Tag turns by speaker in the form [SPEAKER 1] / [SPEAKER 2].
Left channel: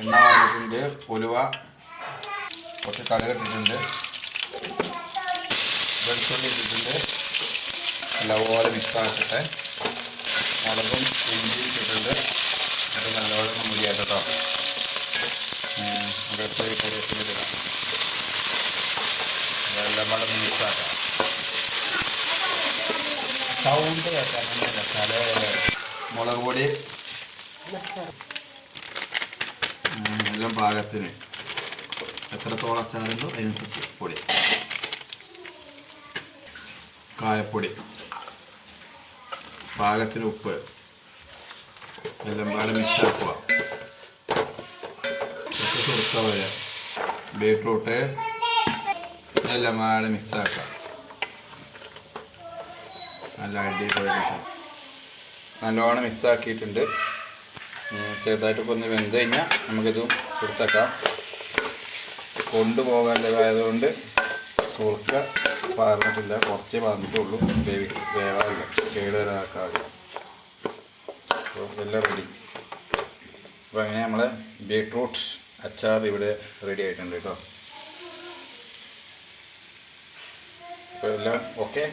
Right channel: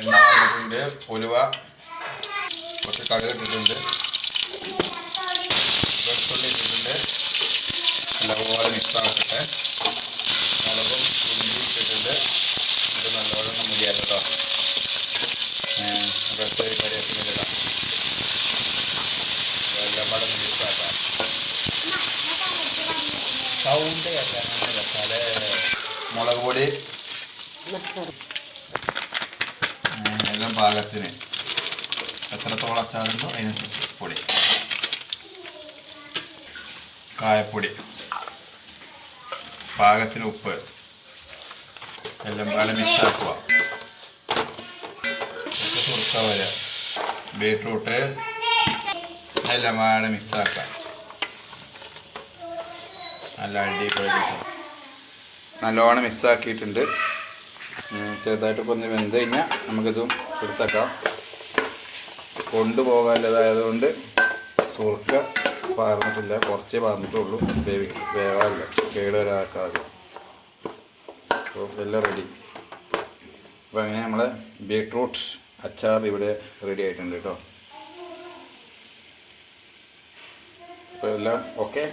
[SPEAKER 1] എണ്ണ വന്നിട്ടുണ്ട് ഉലുവ കുറച്ച് കടുക് ഇട്ടിട്ടുണ്ട്. വെളുത്തുള്ളി ഇട്ടിട്ടുണ്ട്. നല്ലപോലെ മിക്സ് ആക്കട്ടെ. മുളകും ഇഞ്ചി ഇട്ടിട്ടുണ്ട്. അത് നല്ലപോലെ കേട്ടോ നമുക്ക് ഒരു കറിയൊക്കെ ഇടാം എല്ലാം കൂടെ മിക്സാക്കാം സൗണ്ട് കേൾക്കാൻ നല്ല മുളക് പൊടി. ഉം, ഭാഗത്തിന് എത്രത്തോളം അച്ചാറുണ്ടോ അതിനനുസരിച്ച് പൊടി. കായപ്പൊടി. പാകത്തിന് ഉപ്പ്. എല്ലാം പാടെ മിക്സ് ആക്കുക കുറച്ച് ബീട്രൂട്ട്. എല്ലാം പാടെ മിക്സ് ആക്കുക നല്ല അടിപൊളി നല്ലോണം മിക്സ് ആക്കിയിട്ടുണ്ട് ഉം, ചെറുതായിട്ടൊക്കെ ഒന്ന് വെന്ത് കഴിഞ്ഞാൽ നമുക്കിതും എടുത്തേക്കാം. കൊണ്ടുപോകാനുള്ളതായതുകൊണ്ട് സുർക്ക പാർന്നിട്ടില്ല. കുറച്ചേ പാർന്നിട്ടുള്ളൂ. വേവി വേവാറില്ല. കേടുവരാക്കാതെ. അപ്പോൾ എല്ലാം റെഡി അപ്പോൾ അങ്ങനെ നമ്മളെ ബീട്രൂട്ട് അച്ചാർ ഇവിടെ റെഡി ആയിട്ടുണ്ട് കേട്ടോ. അപ്പോൾ എല്ലാം ഓക്കെ